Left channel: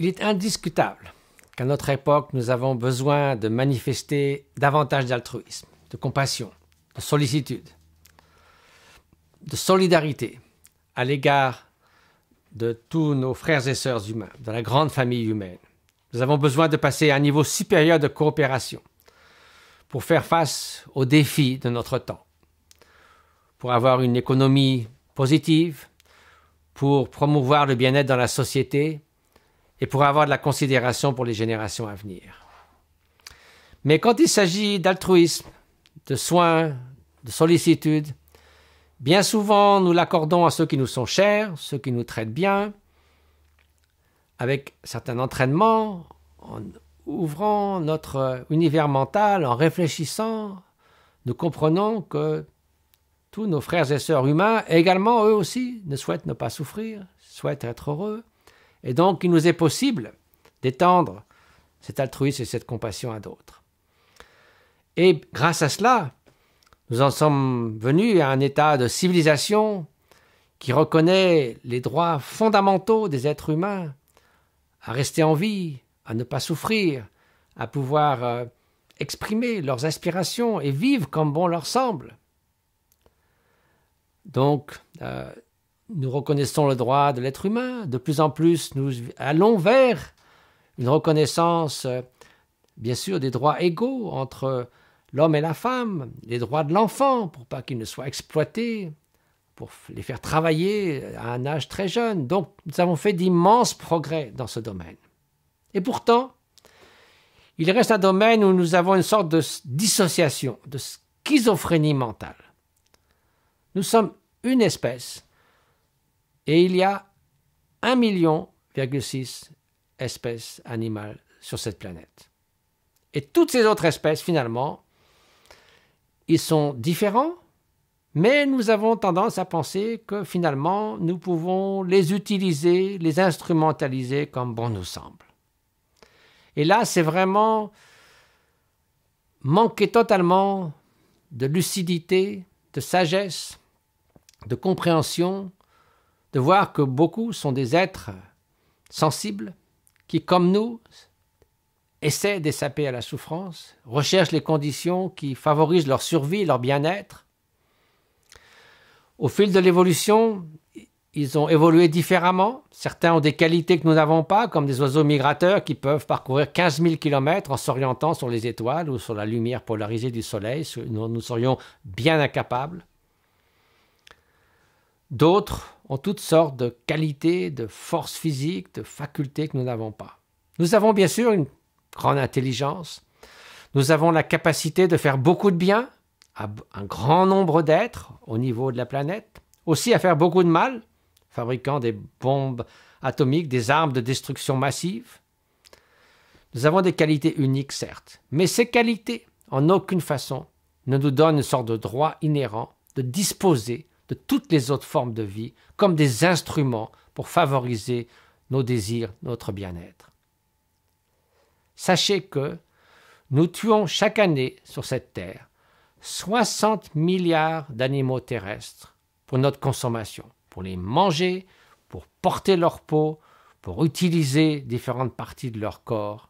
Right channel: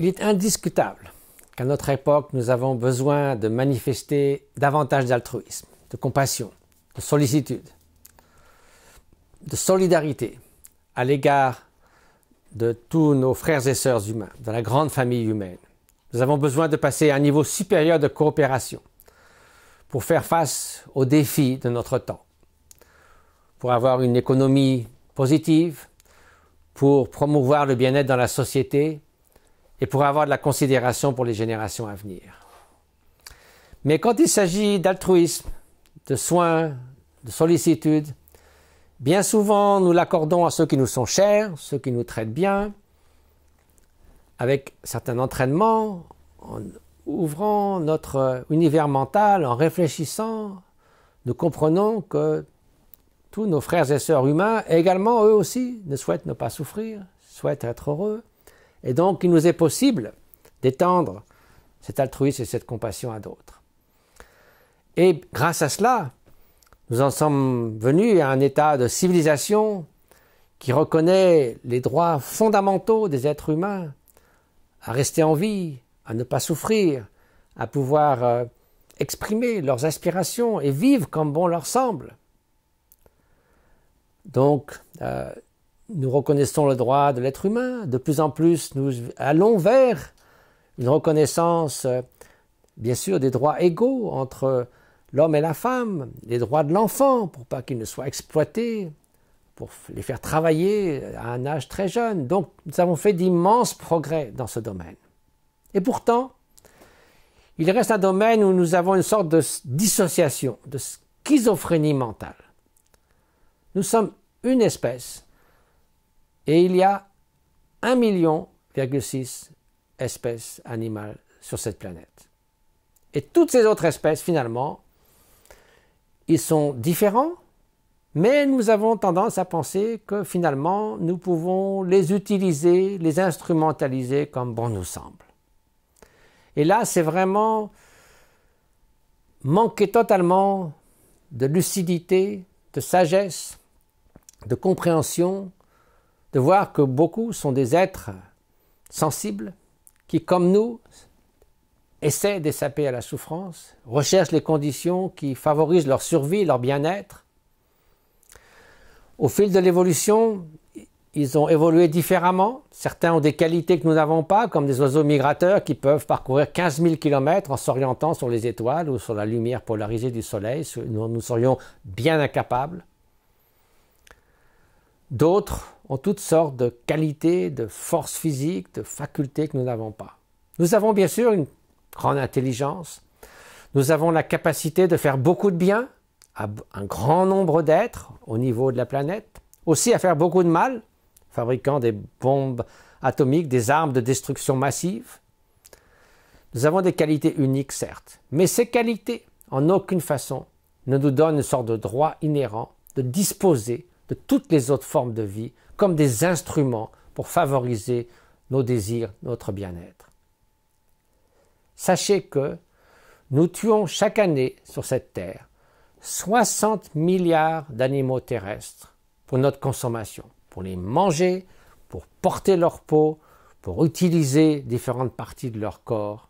Il est indiscutable qu'à notre époque, nous avons besoin de manifester davantage d'altruisme, de compassion, de sollicitude, de solidarité à l'égard de tous nos frères et sœurs humains, de la grande famille humaine. Nous avons besoin de passer à un niveau supérieur de coopération pour faire face aux défis de notre temps, pour avoir une économie positive, pour promouvoir le bien-être dans la société et pour avoir de la considération pour les générations à venir. Mais quand il s'agit d'altruisme, de soins, de sollicitude, bien souvent nous l'accordons à ceux qui nous sont chers, ceux qui nous traitent bien, avec certains entraînements, en ouvrant notre univers mental, en réfléchissant, nous comprenons que tous nos frères et sœurs humains, également eux aussi, ne souhaitent ne pas souffrir, souhaitent être heureux. Et donc, il nous est possible d'étendre cet altruisme et cette compassion à d'autres. Et grâce à cela, nous en sommes venus à un état de civilisation qui reconnaît les droits fondamentaux des êtres humains à rester en vie, à ne pas souffrir, à pouvoir exprimer leurs aspirations et vivre comme bon leur semble. Donc, nous reconnaissons le droit de l'être humain. De plus en plus, nous allons vers une reconnaissance, bien sûr, des droits égaux entre l'homme et la femme, les droits de l'enfant pour pas qu'il ne soit exploité, pour les faire travailler à un âge très jeune. Donc, nous avons fait d'immenses progrès dans ce domaine. Et pourtant, il reste un domaine où nous avons une sorte de dissociation, de schizophrénie mentale. Nous sommes une espèce et il y a 1,6 million espèces animales sur cette planète. Et toutes ces autres espèces, finalement, ils sont différents, mais nous avons tendance à penser que finalement, nous pouvons les utiliser, les instrumentaliser comme bon nous semble. Et là, c'est vraiment manquer totalement de lucidité, de sagesse, de compréhension, de voir que beaucoup sont des êtres sensibles qui, comme nous, essaient d'échapper à la souffrance, recherchent les conditions qui favorisent leur survie, leur bien-être. Au fil de l'évolution, ils ont évolué différemment. Certains ont des qualités que nous n'avons pas, comme des oiseaux migrateurs qui peuvent parcourir 15 000 km en s'orientant sur les étoiles ou sur la lumière polarisée du soleil. Nous serions bien incapables. D'autres ont toutes sortes de qualités, de forces physiques, de facultés que nous n'avons pas. Nous avons bien sûr une grande intelligence. Nous avons la capacité de faire beaucoup de bien à un grand nombre d'êtres au niveau de la planète. Aussi à faire beaucoup de mal, fabriquant des bombes atomiques, des armes de destruction massive. Nous avons des qualités uniques, certes, mais ces qualités, en aucune façon, ne nous donnent une sorte de droit inhérent de disposer de toutes les autres formes de vie comme des instruments pour favoriser nos désirs, notre bien-être. Sachez que nous tuons chaque année sur cette terre 60 milliards d'animaux terrestres pour notre consommation, pour les manger, pour porter leur peau, pour utiliser différentes parties de leur corps,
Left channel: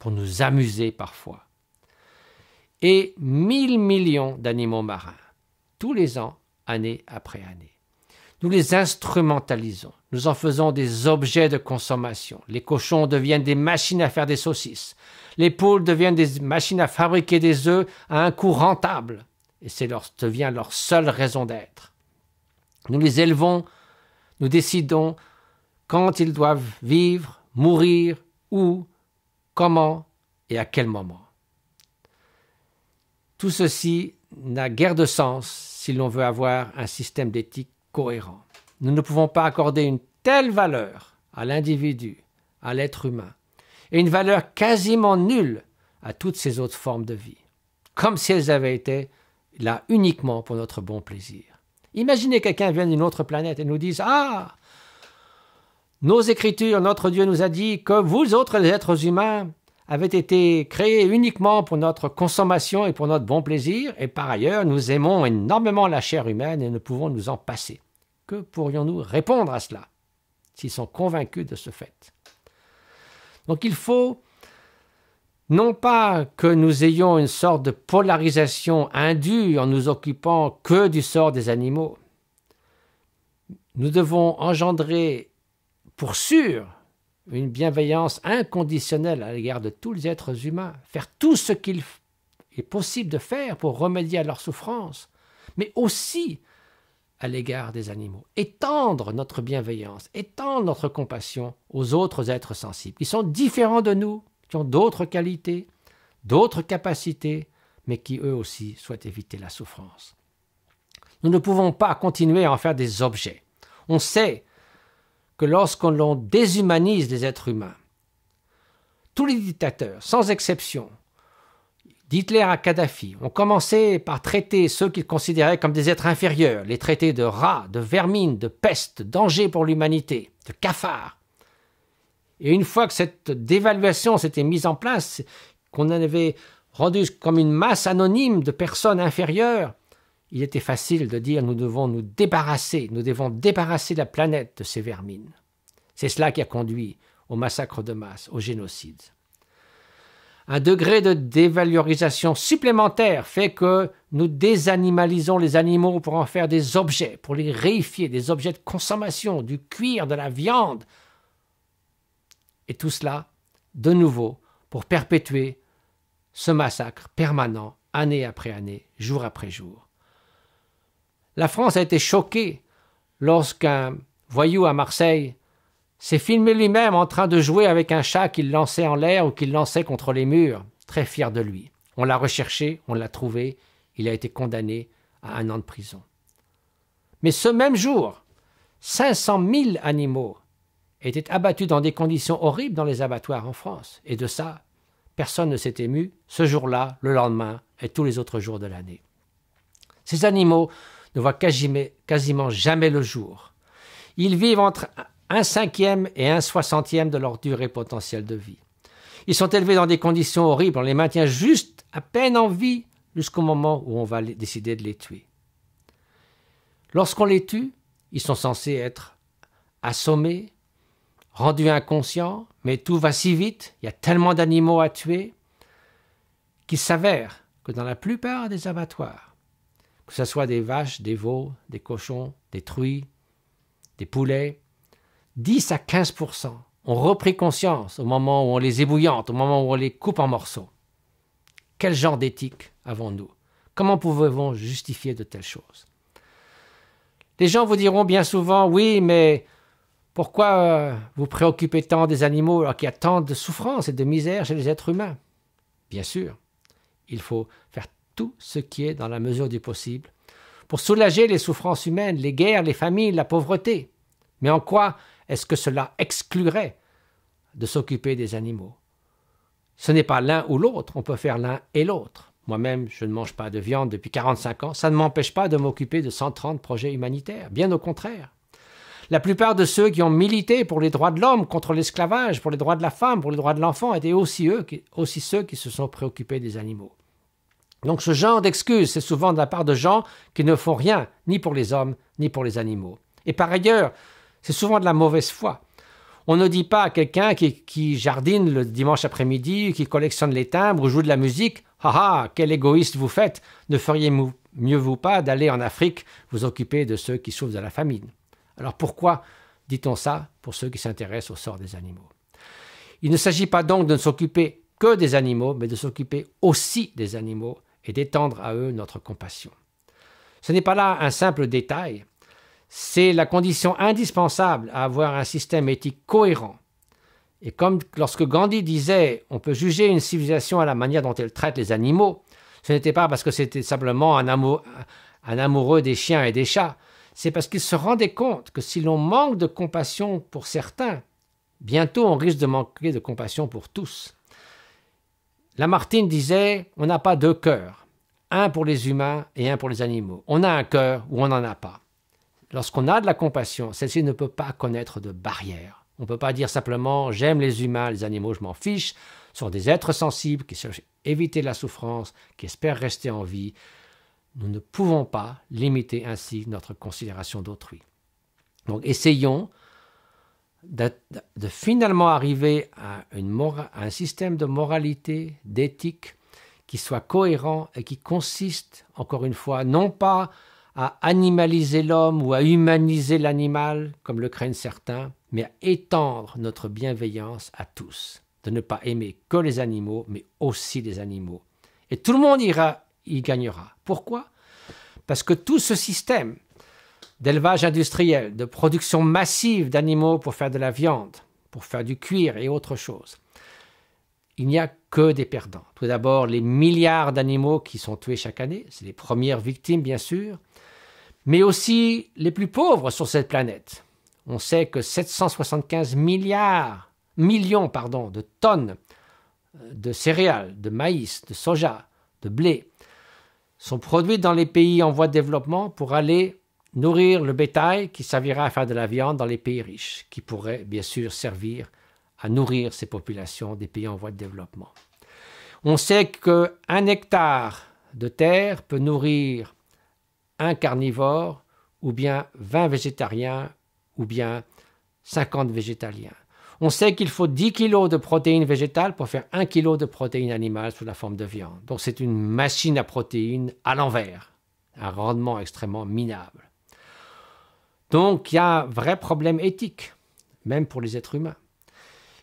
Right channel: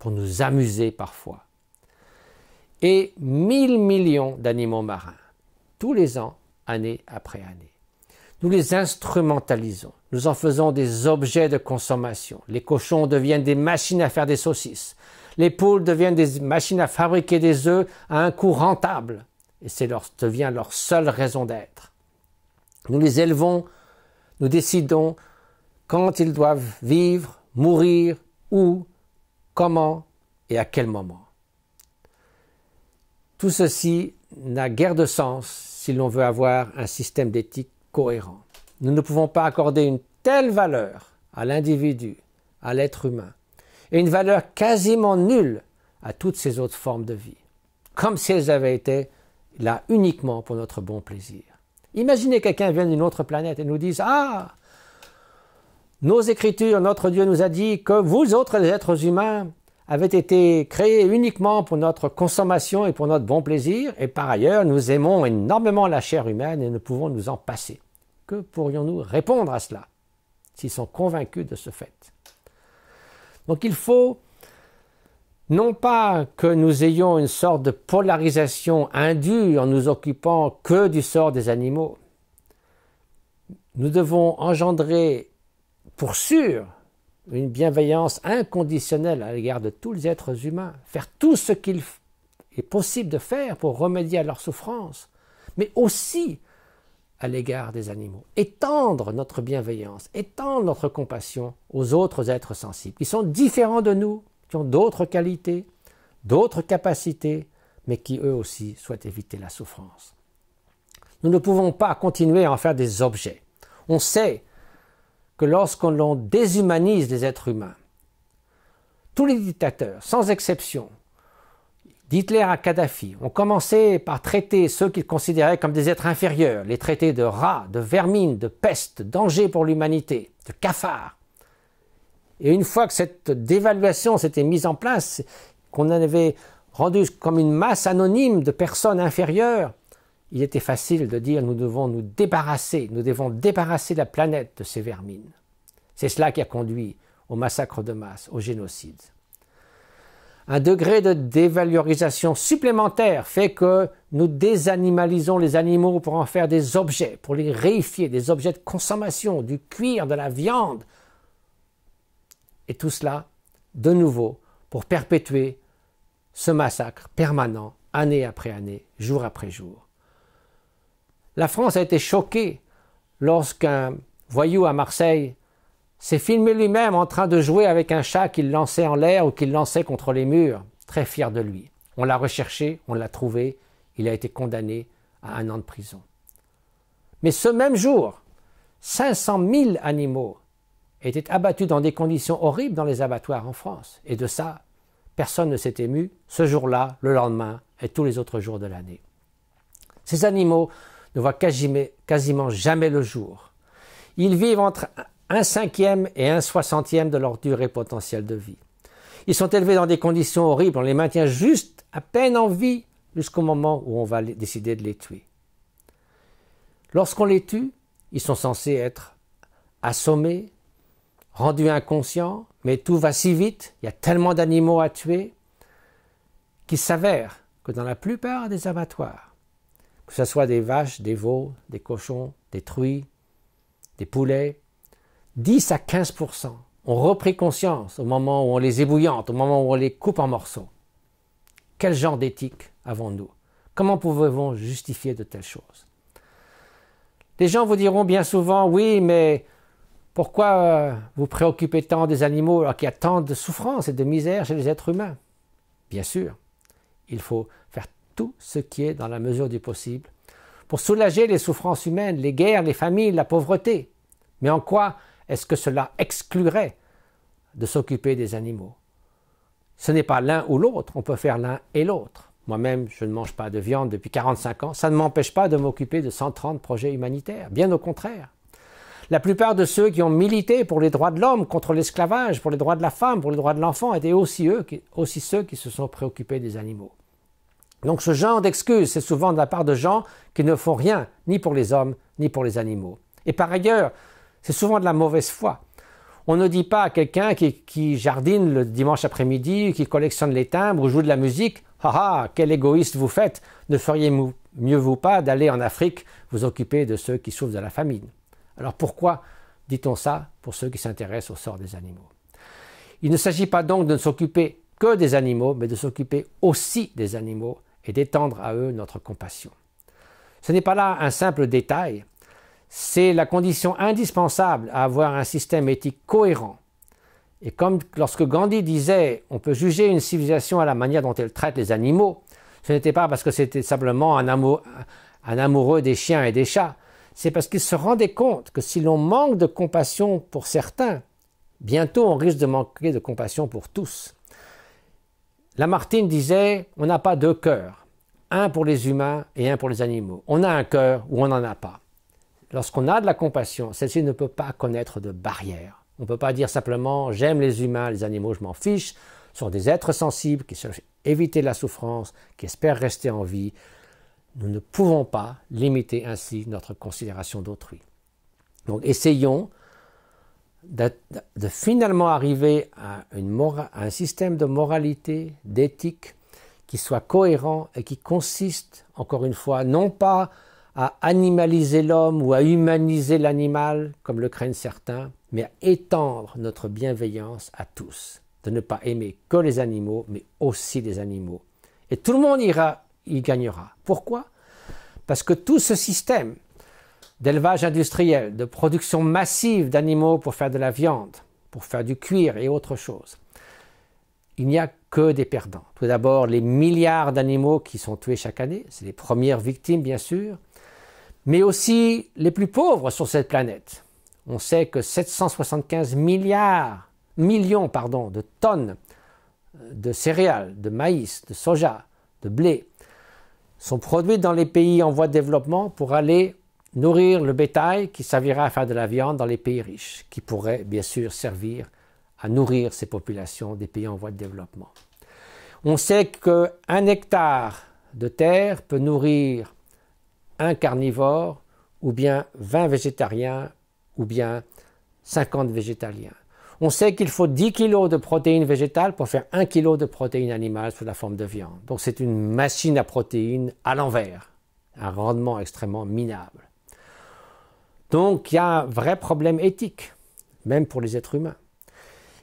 pour nous amuser parfois. Et 1 000 millions d'animaux marins, tous les ans, année après année. Nous les instrumentalisons, nous en faisons des objets de consommation. Les cochons deviennent des machines à faire des saucisses. Les poules deviennent des machines à fabriquer des œufs à un coût rentable. Et devient leur seule raison d'être. Nous les élevons, nous décidons quand ils doivent vivre, mourir, où, comment et à quel moment. Tout ceci n'a guère de sens si l'on veut avoir un système d'éthique cohérent. Nous ne pouvons pas accorder une telle valeur à l'individu, à l'être humain, et une valeur quasiment nulle à toutes ces autres formes de vie, comme si elles avaient été là uniquement pour notre bon plaisir. Imaginez quelqu'un vient d'une autre planète et nous dise « Ah, nos Écritures, notre Dieu nous a dit que vous autres êtres humains avaient été créés uniquement pour notre consommation et pour notre bon plaisir, et par ailleurs, nous aimons énormément la chair humaine et ne pouvons nous en passer. » Que pourrions-nous répondre à cela, s'ils sont convaincus de ce fait? Donc il faut non pas que nous ayons une sorte de polarisation indue en nous occupant que du sort des animaux. Nous devons engendrer, pour sûr, une bienveillance inconditionnelle à l'égard de tous les êtres humains, faire tout ce qu'il est possible de faire pour remédier à leurs souffrances, mais aussi à l'égard des animaux. Étendre notre bienveillance, étendre notre compassion aux autres êtres sensibles, qui sont différents de nous, qui ont d'autres qualités, d'autres capacités, mais qui eux aussi souhaitent éviter la souffrance. Nous ne pouvons pas continuer à en faire des objets. On sait que lorsqu'on déshumanise les êtres humains, tous les dictateurs, sans exception, d'Hitler à Kadhafi, ont commencé par traiter ceux qu'ils considéraient comme des êtres inférieurs, les traités de rats, de vermines, de peste, de danger pour l'humanité, de cafards. Et une fois que cette dévaluation s'était mise en place, qu'on avait rendu comme une masse anonyme de personnes inférieures, il était facile de dire nous devons débarrasser la planète de ces vermines. C'est cela qui a conduit au massacre de masse, au génocide. Un degré de dévalorisation supplémentaire fait que nous désanimalisons les animaux pour en faire des objets, pour les réifier, des objets de consommation, du cuir, de la viande. Et tout cela, de nouveau, pour perpétuer ce massacre permanent, année après année, jour après jour. La France a été choquée lorsqu'un voyou à Marseille s'est filmé lui-même en train de jouer avec un chat qu'il lançait en l'air ou qu'il lançait contre les murs, très fier de lui. On l'a recherché, on l'a trouvé, il a été condamné à 1 an de prison. Mais ce même jour, 500 000 animaux étaient abattus dans des conditions horribles dans les abattoirs en France. Et de ça, personne ne s'est ému, ce jour-là, le lendemain et tous les autres jours de l'année. Ces animaux ne voient quasiment jamais le jour. Ils vivent entre 1/5 et 1/60 de leur durée potentielle de vie. Ils sont élevés dans des conditions horribles, on les maintient juste à peine en vie jusqu'au moment où on va décider de les tuer. Lorsqu'on les tue, ils sont censés être assommés, rendus inconscients, mais tout va si vite, il y a tellement d'animaux à tuer, qu'il s'avère que dans la plupart des abattoirs, que ce soit des vaches, des veaux, des cochons, des truies, des poulets, 10 à 15% ont repris conscience au moment où on les ébouillante, au moment où on les coupe en morceaux. Quel genre d'éthique avons-nous? Comment pouvons-nous justifier de telles choses? Les gens vous diront bien souvent, oui, mais pourquoi vous préoccupez tant des animaux alors qu'il y a tant de souffrance et de misère chez les êtres humains? Bien sûr, il faut faire tout ce qui est dans la mesure du possible pour soulager les souffrances humaines, les guerres, les famines, la pauvreté. Mais en quoi est-ce que cela exclurait de s'occuper des animaux? Ce n'est pas l'un ou l'autre, on peut faire l'un et l'autre. Moi-même, je ne mange pas de viande depuis 45 ans, ça ne m'empêche pas de m'occuper de 130 projets humanitaires, bien au contraire. La plupart de ceux qui ont milité pour les droits de l'homme, contre l'esclavage, pour les droits de la femme, pour les droits de l'enfant, étaient aussi ceux qui se sont préoccupés des animaux. Donc ce genre d'excuses, c'est souvent de la part de gens qui ne font rien, ni pour les hommes, ni pour les animaux. Et par ailleurs, c'est souvent de la mauvaise foi. On ne dit pas à quelqu'un qui jardine le dimanche après-midi, qui collectionne les timbres ou joue de la musique, « Ah ah, quel égoïste vous faites, ne feriez mieux vous pas d'aller en Afrique vous occuper de ceux qui souffrent de la famine ?» Alors pourquoi dit-on ça pour ceux qui s'intéressent au sort des animaux? Il ne s'agit pas donc de ne s'occuper que des animaux, mais de s'occuper aussi des animaux et d'étendre à eux notre compassion. Ce n'est pas là un simple détail, c'est la condition indispensable à avoir un système éthique cohérent. Et comme lorsque Gandhi disait « on peut juger une civilisation à la manière dont elle traite les animaux », ce n'était pas parce que c'était simplement un amoureux des chiens et des chats, c'est parce qu'il se rendait compte que si l'on manque de compassion pour certains, bientôt on risque de manquer de compassion pour tous. Lamartine disait « on n'a pas 2 cœurs, un pour les humains et un pour les animaux. On a un cœur ou on n'en a pas. » Lorsqu'on a de la compassion, celle-ci ne peut pas connaître de barrière. On ne peut pas dire simplement « j'aime les humains, les animaux, je m'en fiche », sont des êtres sensibles qui cherchent à éviter la souffrance, qui espèrent rester en vie. Nous ne pouvons pas limiter ainsi notre considération d'autrui. Donc essayons de finalement arriver à un système de moralité, d'éthique, qui soit cohérent et qui consiste, encore une fois, non pas à animaliser l'homme ou à humaniser l'animal, comme le craignent certains, mais à étendre notre bienveillance à tous, de ne pas aimer que les animaux, mais aussi les animaux. Et tout le monde y gagnera. Pourquoi? Parce que tout ce système d'élevage industriel, de production massive d'animaux pour faire de la viande, pour faire du cuir et autre chose, il n'y a que des perdants. Tout d'abord, les milliards d'animaux qui sont tués chaque année, c'est les premières victimes bien sûr, mais aussi les plus pauvres sur cette planète. On sait que 775 millions de tonnes de céréales, de maïs, de soja, de blé sont produites dans les pays en voie de développement pour aller nourrir le bétail qui servira à faire de la viande dans les pays riches, qui pourrait bien sûr servir à nourrir ces populations des pays en voie de développement. On sait qu'un hectare de terre peut nourrir un carnivore, ou bien 20 végétariens, ou bien 50 végétaliens. On sait qu'il faut 10 kg de protéines végétales pour faire 1 kg de protéines animales sous la forme de viande. Donc c'est une machine à protéines à l'envers, un rendement extrêmement minable. Donc il y a un vrai problème éthique, même pour les êtres humains.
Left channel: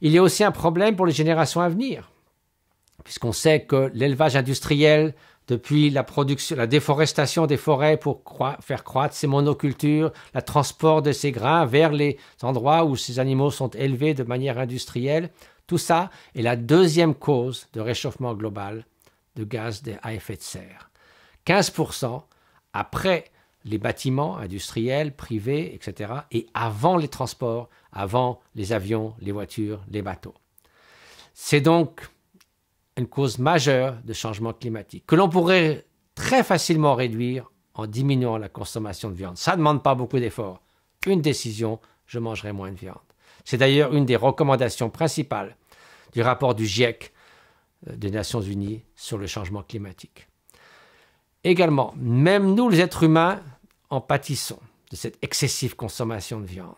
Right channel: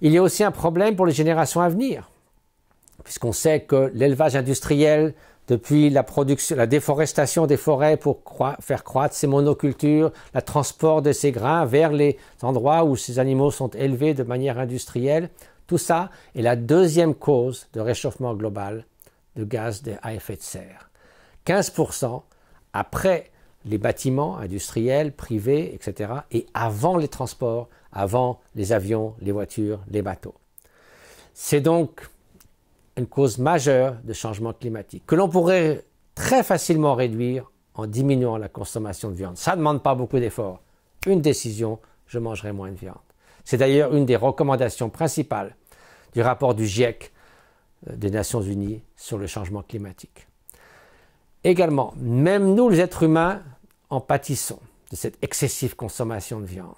Il y a aussi un problème pour les générations à venir, puisqu'on sait que l'élevage industriel, depuis la déforestation des forêts pour faire croître ces monocultures, le transport de ces grains vers les endroits où ces animaux sont élevés de manière industrielle, tout ça est la deuxième cause de réchauffement global de gaz à effet de serre. 15% après les bâtiments industriels, privés, etc., et avant les transports, avant les avions, les voitures, les bateaux. C'est donc une cause majeure de changement climatique que l'on pourrait très facilement réduire en diminuant la consommation de viande. Ça ne demande pas beaucoup d'efforts. Une décision, je mangerai moins de viande. C'est d'ailleurs une des recommandations principales du rapport du GIEC des Nations Unies sur le changement climatique. Également, même nous, les êtres humains, en pâtissons de cette excessive consommation de viande.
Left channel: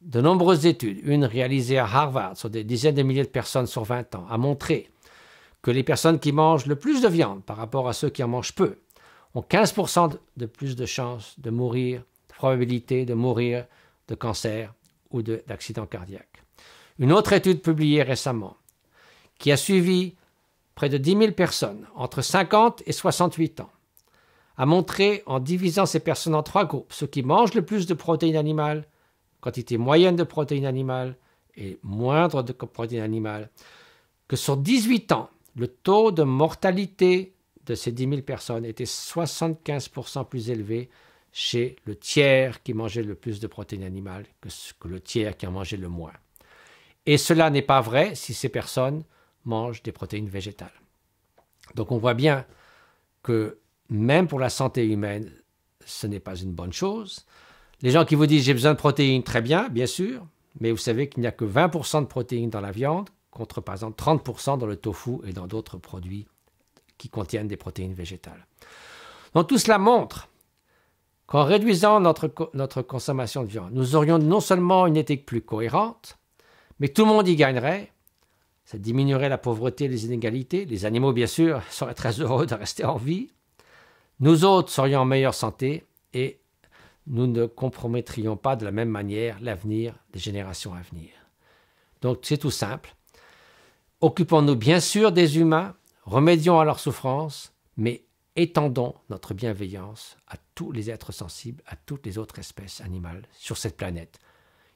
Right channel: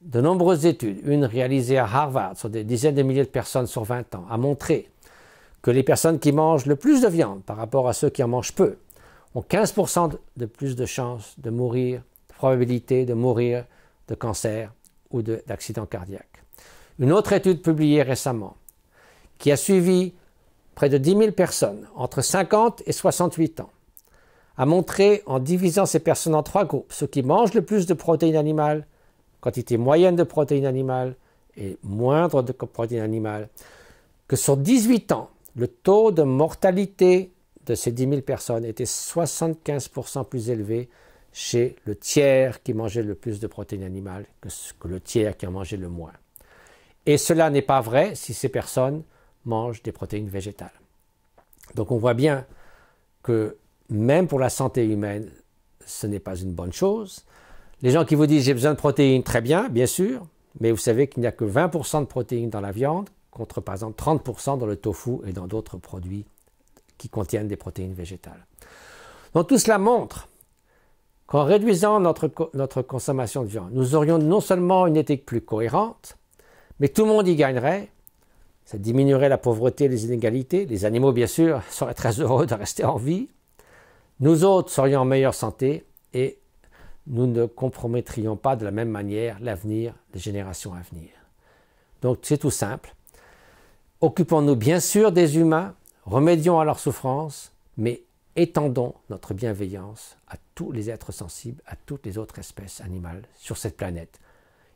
De nombreuses études, une réalisée à Harvard sur des dizaines de milliers de personnes sur 20 ans, a montré que les personnes qui mangent le plus de viande par rapport à ceux qui en mangent peu ont 15% de plus de chances de mourir, de probabilité de mourir de cancer ou d'accident cardiaque. Une autre étude publiée récemment, qui a suivi près de 10 000 personnes entre 50 et 68 ans, a montré, en divisant ces personnes en 3 groupes, ceux qui mangent le plus de protéines animales, quantité moyenne de protéines animales et moindre de protéines animales, que sur 18 ans, le taux de mortalité de ces 10 000 personnes était 75% plus élevé chez le tiers qui mangeait le plus de protéines animales que le tiers qui en mangeait le moins. Et cela n'est pas vrai si ces personnes mangent des protéines végétales. Donc on voit bien que même pour la santé humaine, ce n'est pas une bonne chose. Les gens qui vous disent « j'ai besoin de protéines », très bien, bien sûr, mais vous savez qu'il n'y a que 20% de protéines dans la viande, contre par exemple 30% dans le tofu et dans d'autres produits qui contiennent des protéines végétales. Donc tout cela montre qu'en réduisant notre consommation de viande, nous aurions non seulement une éthique plus cohérente, mais tout le monde y gagnerait. Ça diminuerait la pauvreté et les inégalités. Les animaux, bien sûr, seraient très heureux de rester en vie. Nous autres serions en meilleure santé et nous ne compromettrions pas de la même manière l'avenir des générations à venir. Donc c'est tout simple. Occupons-nous bien sûr des humains, remédions à leurs souffrances, mais étendons notre bienveillance à tous les êtres sensibles, à toutes les autres espèces animales sur cette planète.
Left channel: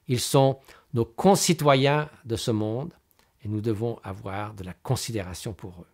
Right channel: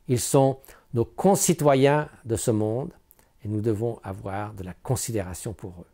Ils sont nos concitoyens de ce monde et nous devons avoir de la considération pour eux.